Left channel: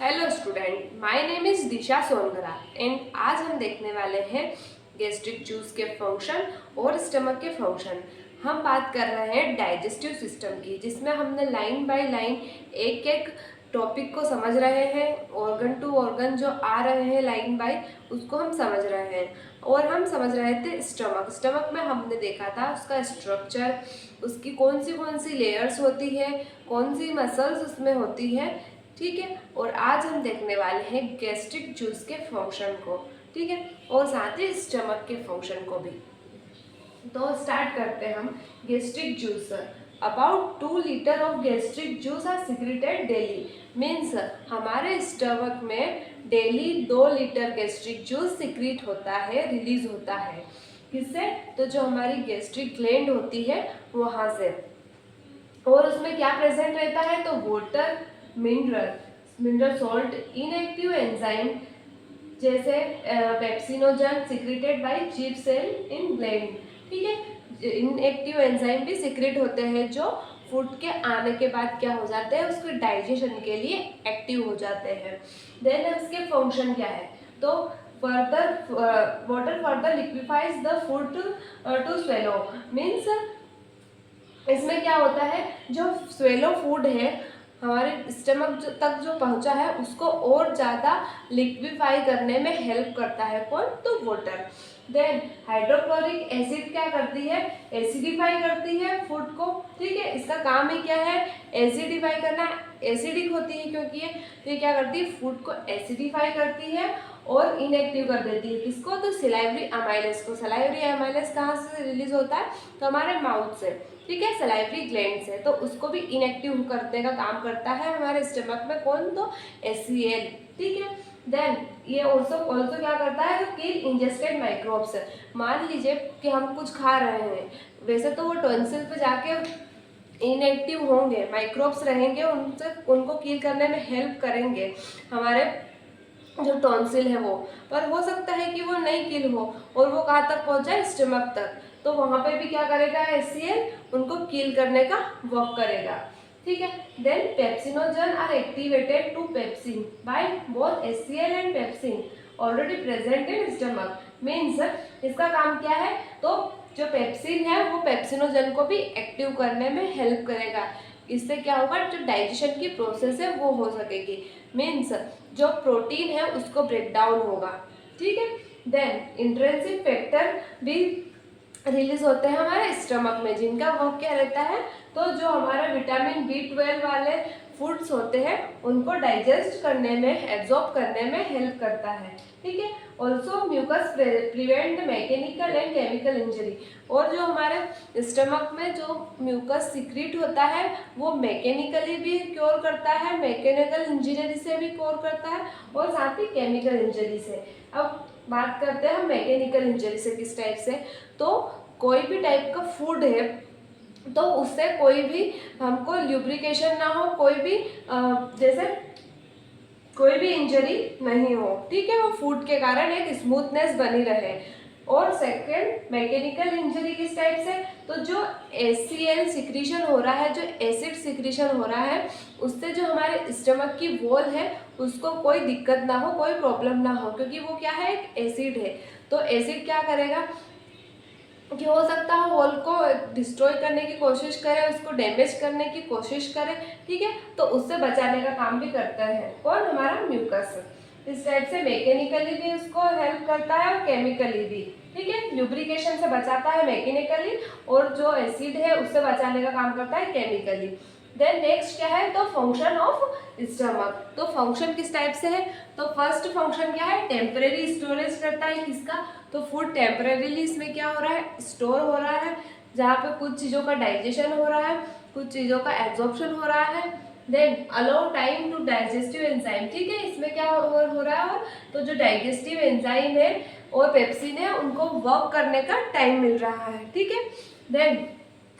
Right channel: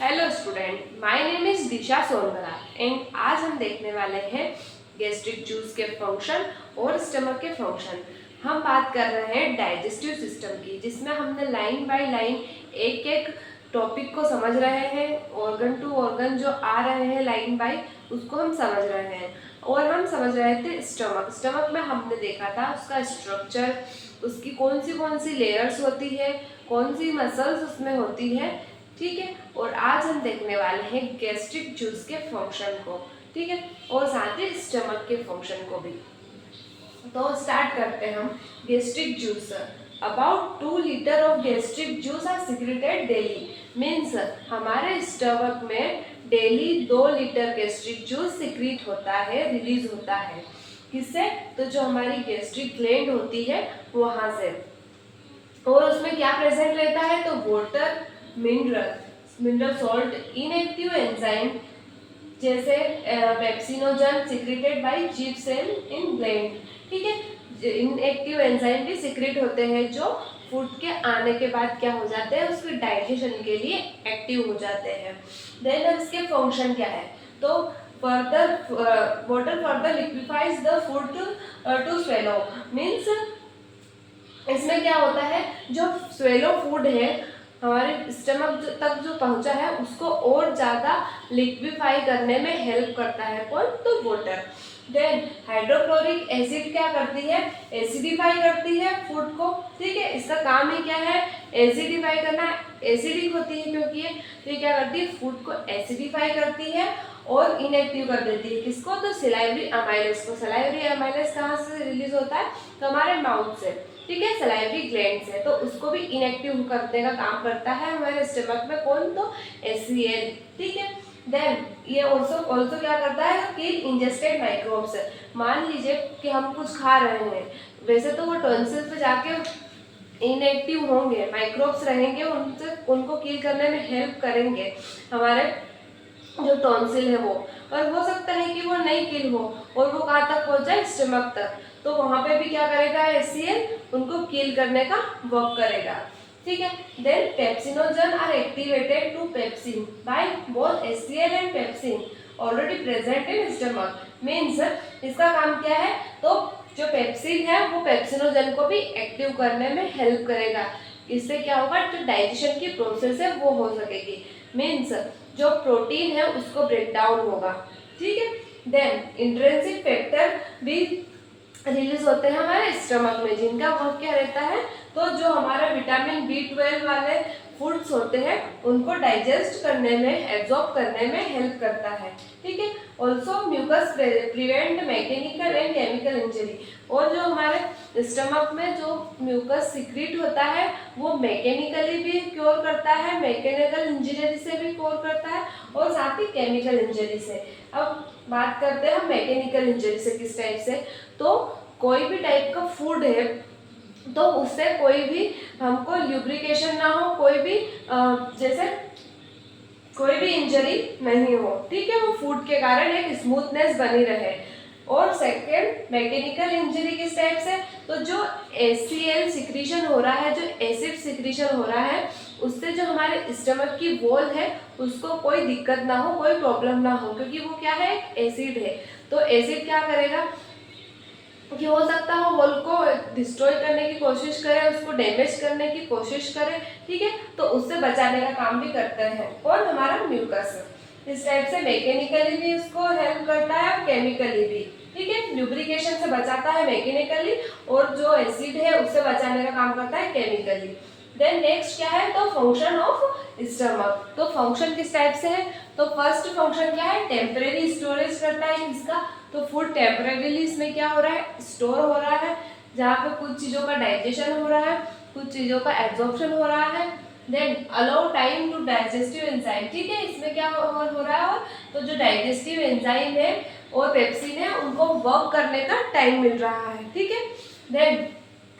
Hello student, my name is Disha Songara and आज हम देखने वाले हैं गैस्ट्रिक जूस के फंक्शन और स्टमक के फंक्शन। हम बात कर रहे हैं डाइजेस्टिव सिस्टम की, जिसमें हमने लाइन बाय लाइन एक एक टॉपिक को समझ रहे हैं। ऑर्गन टू ऑर्गन जो आ रहे हैं लाइन बाय, उसको हम समझ रहे हैं। और हम समझ रहे थे स्टमक में हमने देखा था उसका स्ट्रक्चर, उसकी कौन सी लेयर्स होती है, कौन सी मसल्स उसमें होती है। ठीक है, और आज हम देखने वाले हैं गैस्ट्रिक जूस के फंक्शन को। ठीक है, और साथ ही स्टमक के फंक्शन को भी। तो स्टार्ट करते हैं हम। Gastric juice, about 2 litre of gastric juice are secreted daily. Means हमारे स्टमक में daily 2 litre gastric juice secrete होता है, रिलीज होता है। किससे? तो जो हमारी गैस्ट्रिक ग्लैंड होती है वहाँ से। और उसमें क्या प्रेजेंट रहता है? तो water, mineral salt, inactive enzyme जैसे pepsinogen secreted by chief cell in gland. ठीक है, इनएक्टिव एंजाइम भी सिक्रेट होते हैं जो फूड के आने के बाद क्या हो जाते हैं, उसके डाइजेशन के लिए एक्टिव हो जाते हैं। देन इसके फंक्शन क्या है? तो further water further liquefies the food to swallow. Means इसमें क्या होता है, जो स्वेलो फूड है हमारे स्टमक तक जो पहुंचा है उसको और ज़्यादा लिक्विफाई करने में हेल्प करता है। कौन? तो वाटर। देन हाइड्रोक्लोरिक एसिड क्या करती है? एसिडिफाई करती है फूड को। ठीक है, इसका काम ही क्या है? एसिडिफाई करना। एसिडिक होती है क्योंकि ये, तो ये क्या करती है? फूड को एसिडिफाई करती है और इनएक्टिव कर देती है। किसको? तो सलाइवरी अमाइलेज को। सलाइवरी अमाइलेज कहाँ से रिलीज होता है? तो हमारे माउथ से। ठीक है, सलाइवरी ग्लैंड से। तो उसको भी इनएक्टिव करने का काम करता है हमारे स्टमक में। कौन? तो HCl। ठीक है, देन ये ऑल्सो क्या करता है? किल इंजेस्टेड माइक्रोब्स। मान लीजिए कि हम कुछ खा रहे हैं, वैसे तो वो टॉन्सिल पे जाके इनएक्टिव होंगे, माइक्रोब्स रहेंगे, उनसे उनको किल करने में हेल्प करेंगे हमारे जो टॉन्सिल है वो। पर हो सकता है कि वो नहीं किल हो और वो कहाँ तक पहुँच जाए? स्टमक तक। तो वहाँ पे भी क्या करेगा? HCl उनको किल करने का वर्क करेगा। ठीक है, then pepsinogen are activated to pepsin by both HCl and pepsin already present in stomach. Means इसका काम क्या है? तो जो पेप्सिन है वो पेप्सिनोजन को भी एक्टिव करने में हेल्प करेगा। इससे क्या होगा? जो डाइजेशन की प्रोसेस है वो हो सकेगी। मीन्स जो प्रोटीन है उसको ब्रेक डाउन होगा। ठीक है, देन इंट्रिंसिक फैक्टर भी रिलीज होते हैं हमारे स्टमक में, जिनका वर्क क्या रहता है? तो जो हमारे विटामिन B12 वाले फूड्स होते हैं उनको डाइजेस्ट करने में, एब्जॉर्ब करने में हेल्प करता है। ठीक है, also mucus prevent mechanical and chemical injury. और जो हमारे स्टमक में जो म्यूकस सिक्रीट होता है वो मैकेनिकली भी क्योर करता है, मैकेनिकल इंजरी से भी क्योर करता है और साथ ही केमिकल इंजरी से। अब बात करते हैं हम मैकेनिकल इंजरी से किस टाइप से। तो कोई भी टाइप का फूड है तो उससे कोई भी हमको ल्यूब्रिकेशन ना हो, कोई भी जैसे कोई भी इंजरी नहीं हो। ठीक है, वो फूड के कारण एक स्मूथनेस बनी रहे। और सेकेंड, मैकेनिकल इंजरी किस टाइप से? तो जो HCl सिक्रीशन हो रहा है, जो एसिड सिक्रीशन हो रहा है, उससे जो हमारे स्टमक की वॉल है उसको कोई दिक्कत ना हो, कोई प्रॉब्लम ना हो, क्योंकि वो क्या है? एक एसिड है। तो एसिड क्या करेगा कि हो सकता हो वॉल को डिस्ट्रॉय करने की कोशिश करे, उसको डैमेज करने की कोशिश करे। ठीक है, तो उससे बचाने का काम भी करते हैं। कौन? हमारा म्यूकस। इस टाइप से मैकेनिकली भी उसको हेल्प करता है और केमिकली भी। ठीक है, ल्यूब्रिकेशन से बचाता है मैकेनिकली और जो एसिड है उससे बचाने का काम करता है केमिकली। देन नेक्स्ट क्या है? तो फंक्शन ऑफ स्टमक। तो फंक्शन किस टाइप से है? तो फर्स्ट फंक्शन क्या है? टेम्परेरी स्टोरेज करता है इसका। तो फूड टेम्परेरीली इसमें क्या हो रहा है? स्टोर हो रहा है, जहाँ पे कुछ चीज़ों का डाइजेशन हो रहा है, कुछ चीज़ों का एब्जॉर्प्शन हो रहा है। Then allow time to digestive enzyme. ठीक है, इसमें क्या हो रहा है? तो जो डाइजेस्टिव एंजाइम है और पेप्सिन है उनको वर्क करने का टाइम मिल रहा है। ठीक है, देन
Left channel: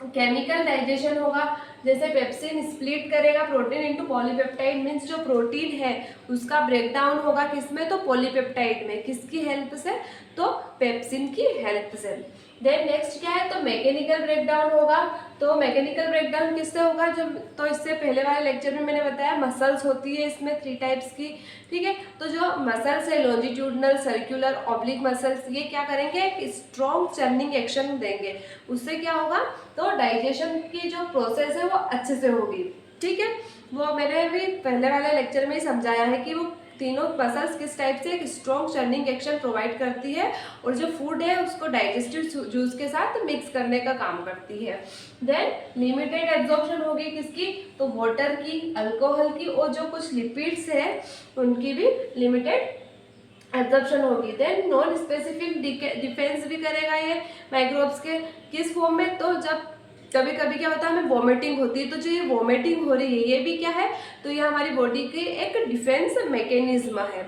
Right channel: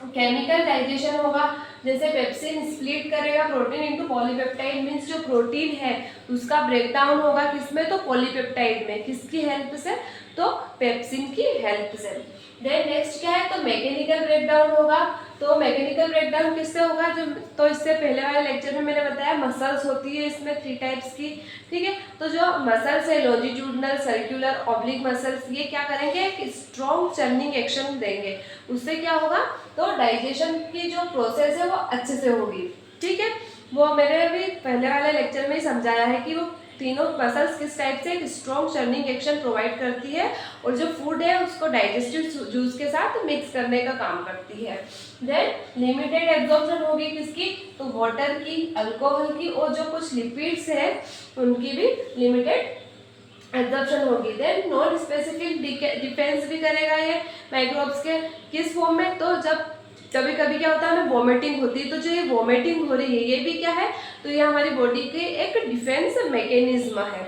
केमिकल डाइजेशन होगा। जैसे पेप्सिन स्प्लिट करेगा प्रोटीन इनटू पॉलीपेप्टाइड। मीन्स जो प्रोटीन है उसका ब्रेकडाउन होगा किसमें? तो पॉलीपेप्टाइड में। किसकी हेल्प से? तो पेप्सिन की हेल्प से। देन नेक्स्ट क्या है? तो मैकेनिकल ब्रेकडाउन होगा। तो मैकेनिकल ब्रेकडाउन किससे होगा, जो तो इससे पहले वाले लेक्चर में मैंने बताया मसल्स होती है इसमें 3 टाइप्स की, ठीक है। तो जो मसल्स है लॉन्जिट्यूडनल, सर्कुलर, ऑब्लिक मसल्स, ये क्या करेंगे, एक स्ट्रॉन्ग चर्निंग एक्शन देंगे। उससे क्या होगा, तो डाइजेशन की जो प्रोसेस है वो अच्छे से होगी, ठीक है। वो मैंने भी पहले वाले लेक्चर में ही समझाया है कि वो तीनों मसल्स किस टाइप से एक स्ट्रॉन्ग चर्निंग एक्शन प्रोवाइड करती है और जो फूड है उसको डाइजेस्टिव जूस के साथ मिक्स करने का काम करती है। देन लिमिटेड एब्जॉर्प्शन होगी किसकी, तो वाटर की, अल्कोहल की और जो कुछ लिपिड्स है उनकी भी लिमिटेड एब्जॉर्प्शन होगी। देन नॉन स्पेसिफिक डिफेंस भी करेगा ये माइक्रोब्स के, किस फॉर्म में, तो जब कभी कभी क्या होता है हमें वॉमिटिंग होती है, तो जो ये वॉमिटिंग हो रही है ये भी क्या है, तो ये हमारी बॉडी की एक डिफेंस मैकेनिज्म है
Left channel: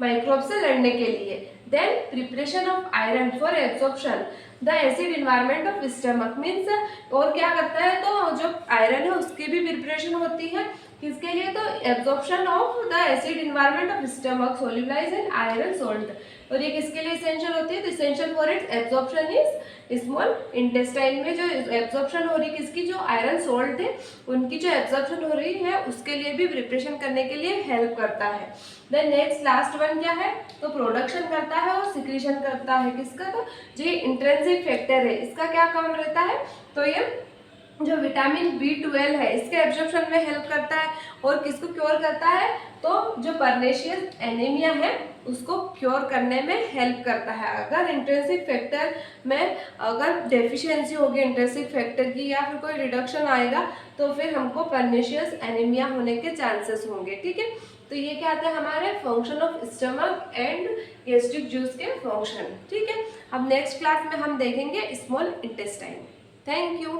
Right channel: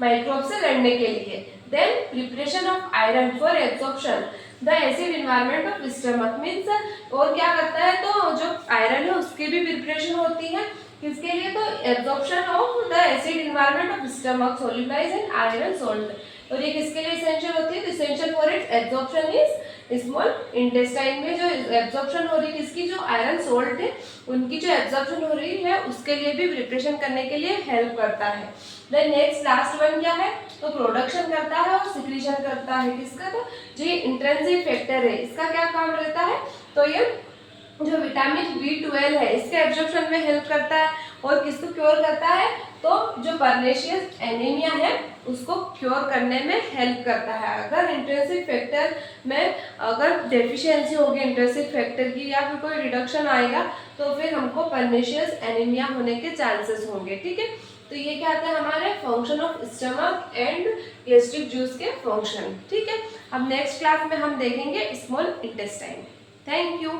माइक्रोब से लड़ने के लिए। Then preparation of iron for absorption the acid environment of stomach means, और क्या करता है, तो जो आयरन है उसकी भी प्रिपरेशन होती है किसके लिए, तो absorption of the acid environment of stomach solubilise in iron salt, और ये किसके लिए इसेंशियल होती है, तो essential for its absorption is small intestine में जो एब्जॉर्प्शन हो रही है किसकी, जो आयरन सोल्ट है उनकी जो एब्जॉर्प्शन हो रही है उसके लिए भी प्रिपरेशन करने के लिए हेल्प करता है। देन नेक्स्ट लास्ट वन क्या है, तो प्रोडक्शन करता है और सिक्रीशन करता है किसका, तो जो इंट्रिंसिक फैक्टर है इसका क्या काम रहता है, तो ये जो विटामिन B12 है इसके एब्जॉर्प्शन में हेल्प करता है और किसको क्योर करता है, तो जो परनेशियस एनीमिया है उसको क्योर करने में हेल्प करता है। अगर इंट्रिंसिक फैक्टर में अगर डेफिशिएंसी होगी इंट्रिंसिक फैक्टर की या फिर कोई रिडक्शन आएगा तो फिर हमको परनेशियस एनीमिया होने के चांसेस होंगे, ठीक है। तो ये क्या आता है हमारे function of stomach and gastric juice के फंक्शन, ठीक है। अब नेक्स्ट क्लास में हम देखेंगे स्मॉल इंटेस्टाइन। Thank you.